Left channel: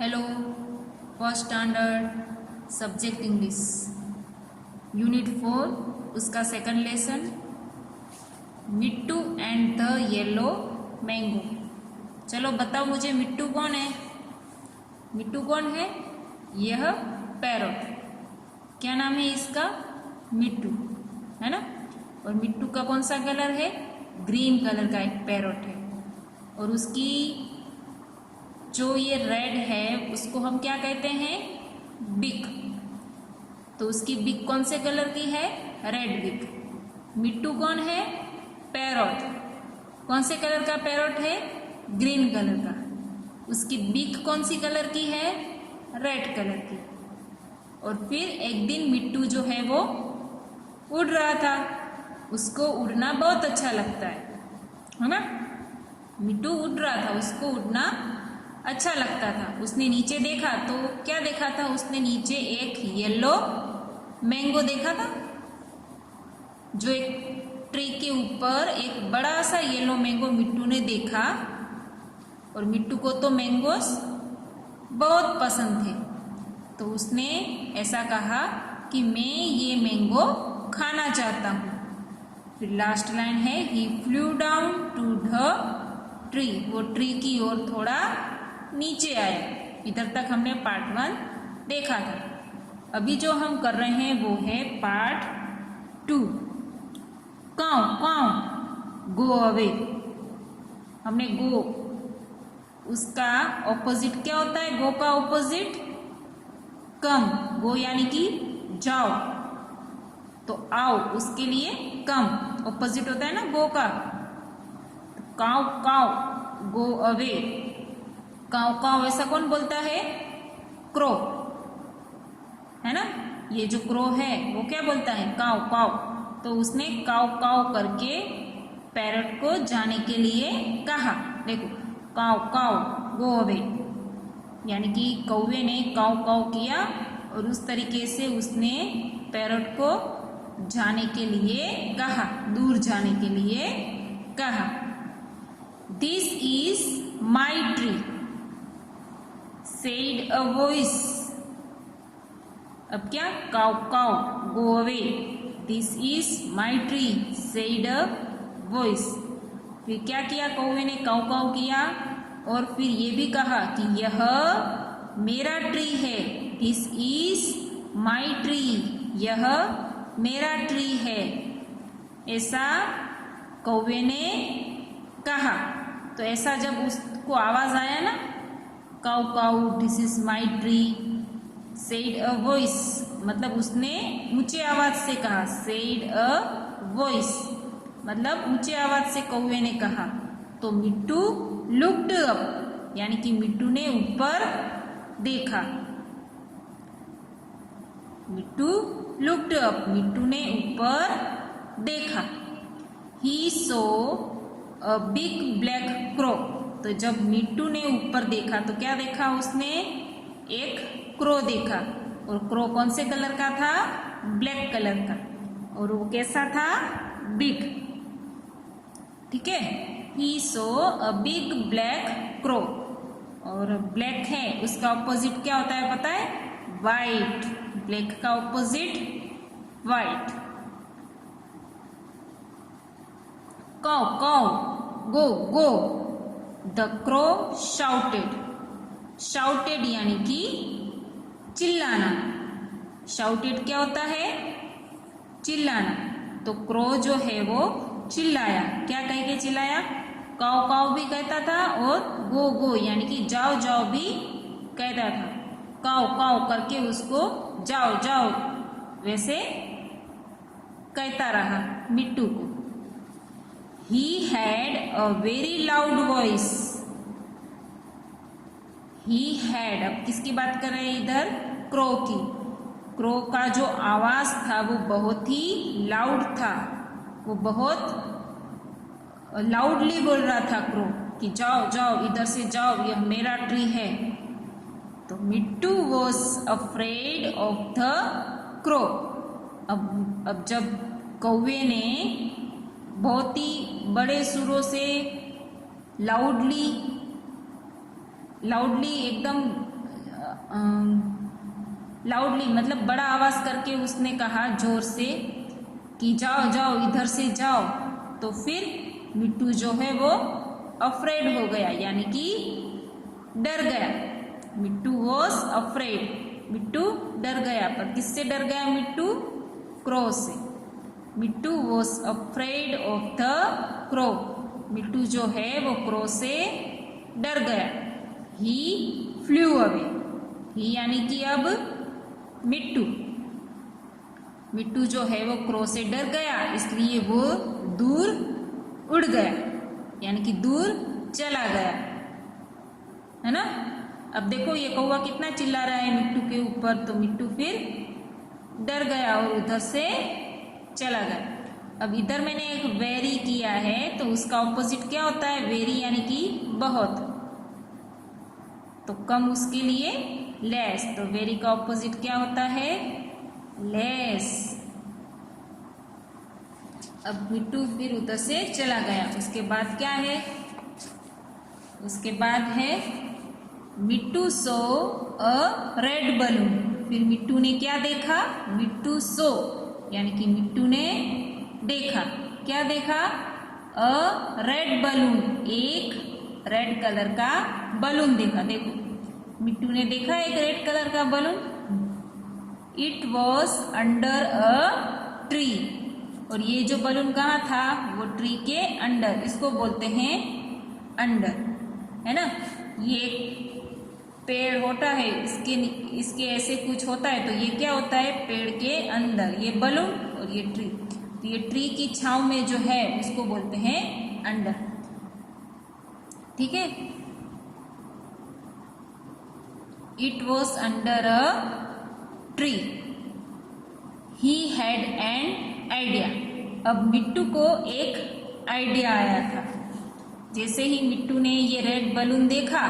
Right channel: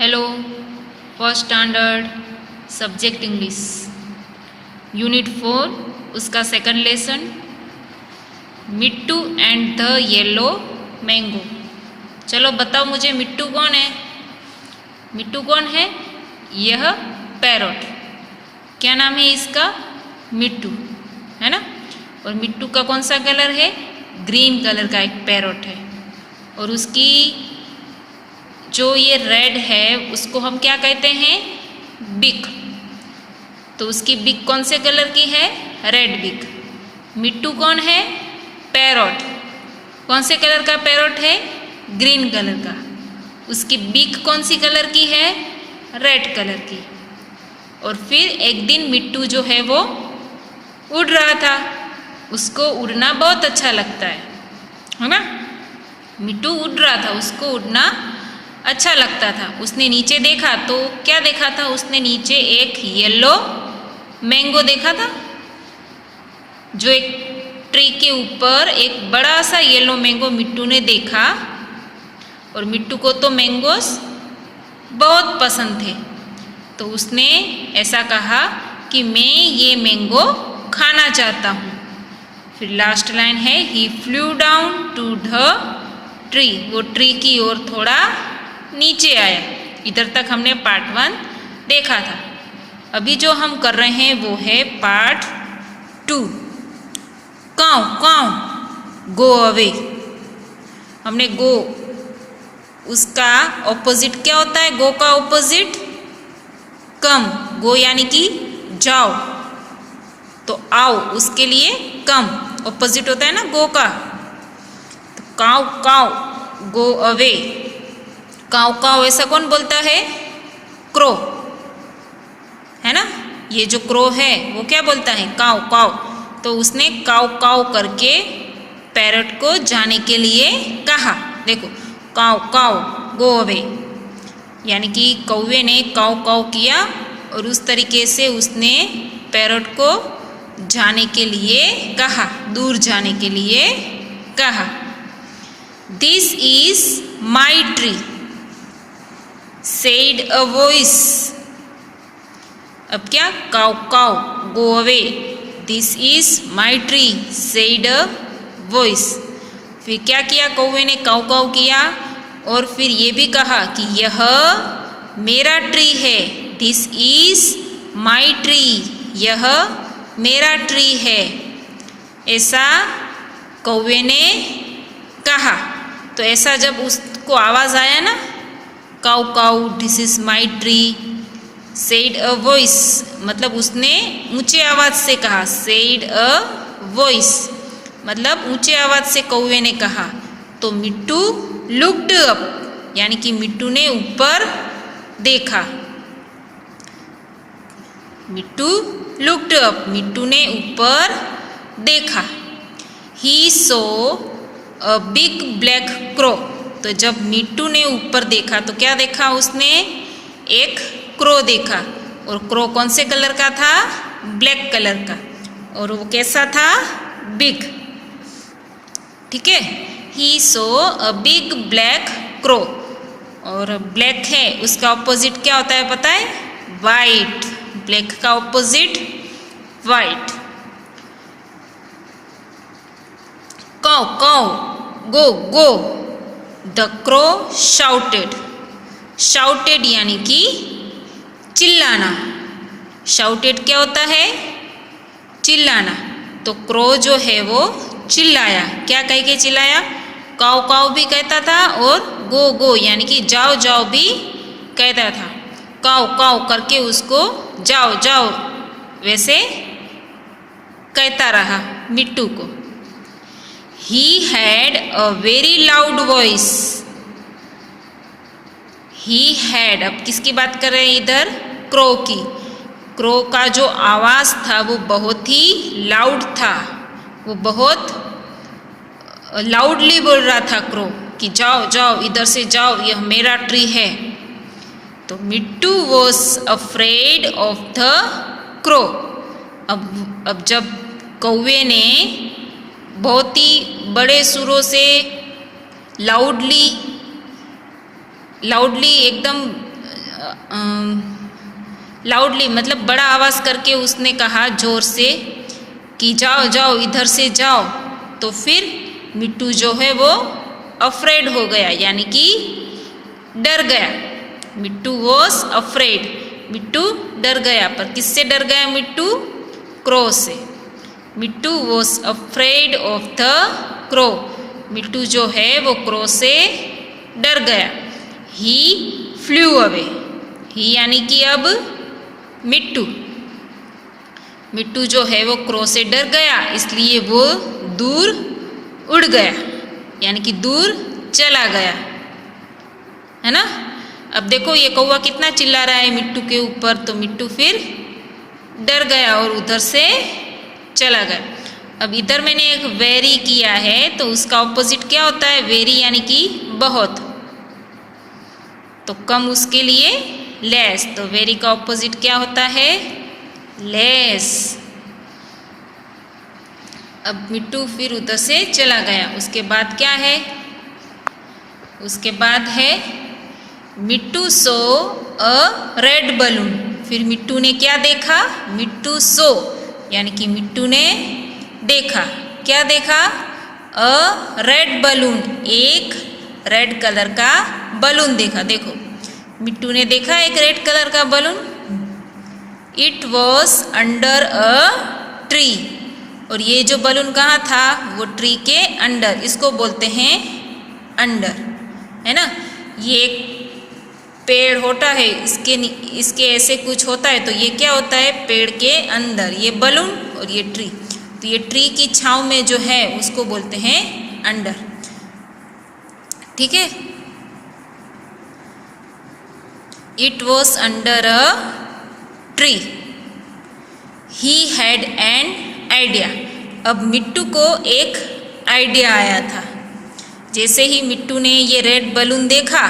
Hello, first standard subject English unit 4 उसका second lesson Mittu and the yellow mango. चलो बताओ मुझे मिट्टू कौन है? मिट्टू कौन है? यह पैरोट। क्या नाम है इसका? मिट्टू, है ना। और मिट्टू का कौन सा कलर है? ग्रीन कलर का एक पैरोट है। और उसकी जो ये रेड है उसको हम क्या कहते हैं? बिक। तो उसकी बिक कौन से कलर की है? रेड बिक। मिट्टू कौन है? पैरोट। कौन से कलर का पैरोट है? ग्रीन कलर का। उसकी बिक कौन सी कलर की है? रेड कलर की। और फिर एक दिन मिट्टू जो है वो उड़ रहा था। उसको उड़ना बहुत अच्छा लगता है ना। मिट्टू उड़ रहा था, उसको उड़ना अच्छा लगता था। उसने नीचे देखा तो क्या देखा था? उसने नीचे एक येलो मैंगो देखा था। जो एक ट्री के ऊपर एक बड़ा सा येलो मैंगो मिट्टू ने देखा। और मिट्टू को तो मैंगोस बहुत पसंद थे। तो उसने ऐसा कहा कि मैं ये मैंगो खाना चाहता हूँ। फिर लास्ट लाइन है he flew down to the tree. वो ट्री की ओर थोड़ा नीचे आया। इधर तक हमने पार्ट 1 देखा था। अभी जो हम कर रहे हैं वो है part 2। Cow cow go away. हमने गो, उसका ऑपोजिट क्या होता है? गो का ऑपोजिट कम। गो यानी कि जाओ, तो आओ उसके लिए कम ऑपोजिट होता है ना गो का। तो cow cow go away. Cow cow ऐसा कौन बोलता है? क्रो, है ना। ये जो क्रो है वो क्या बोलता है? Cow cow. तो उसने काउ काउ करके पैरट को जाने के लिए कहा। देखो, काउ काउ गो अवे, यानी कि कौवे ने काउ काउ किया और उस तरीके से उसने पैरट को जाने के लिए कहा, दूर जाने के लिए कहा। This is my tree said a voice. अब क्या? Cow cow go away, this is my tree said a voice. फिर क्या किया? कौवे ने काउ काउ किया और फिर ये भी कहा कि यह मेरा ट्री है। दिस इज माई ट्री, यह मेरा ट्री है, ऐसा कौवे ने कहा। तो ऐसा जब उसको आवाज़ आया ना, cow cow this is my tree said a voice, मतलब उसने ऊंचे आवाज़ से कहा। सेड अ वॉइस मतलब ऊंचे आवाज़ से कौवे ने कहा। तो मिट्टू लुक्ड अप, यानी कि मिट्टू ने ऊपर देखा। मिट्टू लुक्ड अप, मिट्टू ने ऊपर देखा। ही सो अ बिग ब्लैक क्रो। तो जब मिट्टू ने ऊपर देखा तो क्या देखा उसने? एक क्रो देखा। और क्रो कौन से कलर का था? ब्लैक कलर का। और वो कैसा था? बिग। ठीक है। ही सो अ बिग ब्लैक क्रो। और ब्लैक है, उसका ऑपोजिट क्या होता है पता है? वाइट। ब्लैक का opposite white. Cow cow go go the crow shouted. Shouted यानी कि चिल्लाना। शाउटेड क्या होता है? चिल्लाना। तो क्रो जो है वो चिल्लाया। क्या कह के चिल्लाया? काउ काउ भी कहता था और गो गो यानी कि जाओ जाओ भी कहता था। काउ काउ करके उसको जाओ जाओ वैसे कहता रहा मिट्टू को। He had a very loud voice. He had, अब किसकी बात कर रहे हैं इधर? क्रो की। क्रो का जो आवाज़ था वो बहुत ही लाउड था। वो बहुत लाउडली बोल रहा था क्रो कि जाओ जाओ इधर से जाओ, यह मेरा ट्री है। तो Mittu was afraid of the crow. अब जब कौवे ने बहुत ही बड़े सुरों से लाउडली एकदम लाउडली मतलब बड़ा आवाज़ करके उसने कहा जोर से कि जाओ जाओ इधर से जाओ। तो फिर मिट्टू जो है वो अफ्रेड हो गया, यानी कि डर गया। मिट्टू वॉज अफ्रेड, मिट्टू डर गया। पर किससे डर गया मिट्टू? क्रो से। Mittu was afraid of the crow, Mittu जो है वो क्रो से डर गया। ही फ्लू अवे, ही यानी कि अब मिट्टू, मिट्टू जो है वो क्रो से डर गया, इसलिए वो दूर उड़ गया, यानी कि दूर चला गया, है ना। अब देखो ये कौवा कितना चिल्ला रहा है मिट्टू के ऊपर, तो मिट्टू फिर डर गया और उधर से चला गया। अब इधर मैंने एक वेरी किया है, तो उसका ऑपोजिट क्या होता है? वेरी यानी कि बहुत, तो कम उसके लिए लेस, तो वेरी का ऑपोजिट क्या होता है? लेस। अब मिट्टू फिर उधर से चला गया। उसके बाद क्या है? उसके बाद है मिट्टू सो अ रेड बलून। फिर मिट्टू ने क्या देखा? मिट्टू सो यानी कि मिट्टू ने देखा, क्या देखा? अ रेड बलून, एक रेड कलर का बलून देखा। देखो मिट्टू ने देखा एक रेड कलर का balloon. It was under a tree, और ये जो बलून कहाँ था? वो ट्री के अंडर, इसको बोलते हैं अंडर, है ना। ये एक पेड़ होता है, इसके ऐसे कुछ होता है, तो ये क्या होता है? पेड़ के अंदर ये बलून और ये ट्री, तो ये ट्री की छांव में जो है उसको बोलते हैं अंडर, ठीक है। It was under a tree, he had an idea. अब मिट्टू को एक आइडिया आया था। जैसे ही मिट्टू ने ये रेड बलून देखा,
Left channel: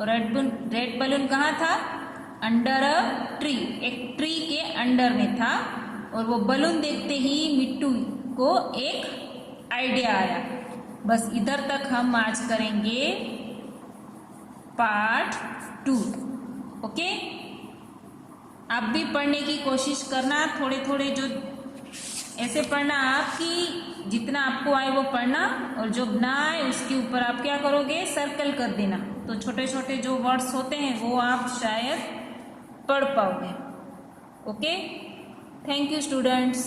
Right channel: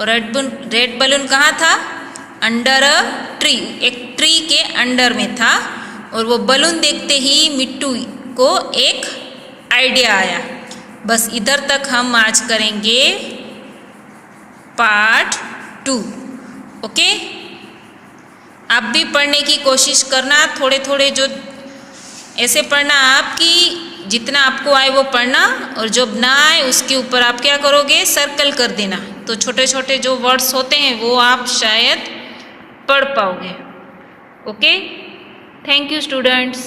और रेड बलून कहाँ था? अंडर अ ट्री, एक ट्री के अंडर में था। और वो बलून देखते ही मिट्टू को एक आइडिया आया। बस इधर तक हम आज करेंगे पार्ट 2, ओके। आप भी पढ़ने की कोशिश करना, थोड़े थोड़े जो ऐसे पढ़ना, आपकी जितना आपको आए वो पढ़ना, और जब ना आए उसके ऊपर आप क्या करोगे? सर्कल कर देना, तो छोटे छोटे जो वर्ड्स होते हैं वो आप शायद पढ़ पाओगे, ओके। Thank you students.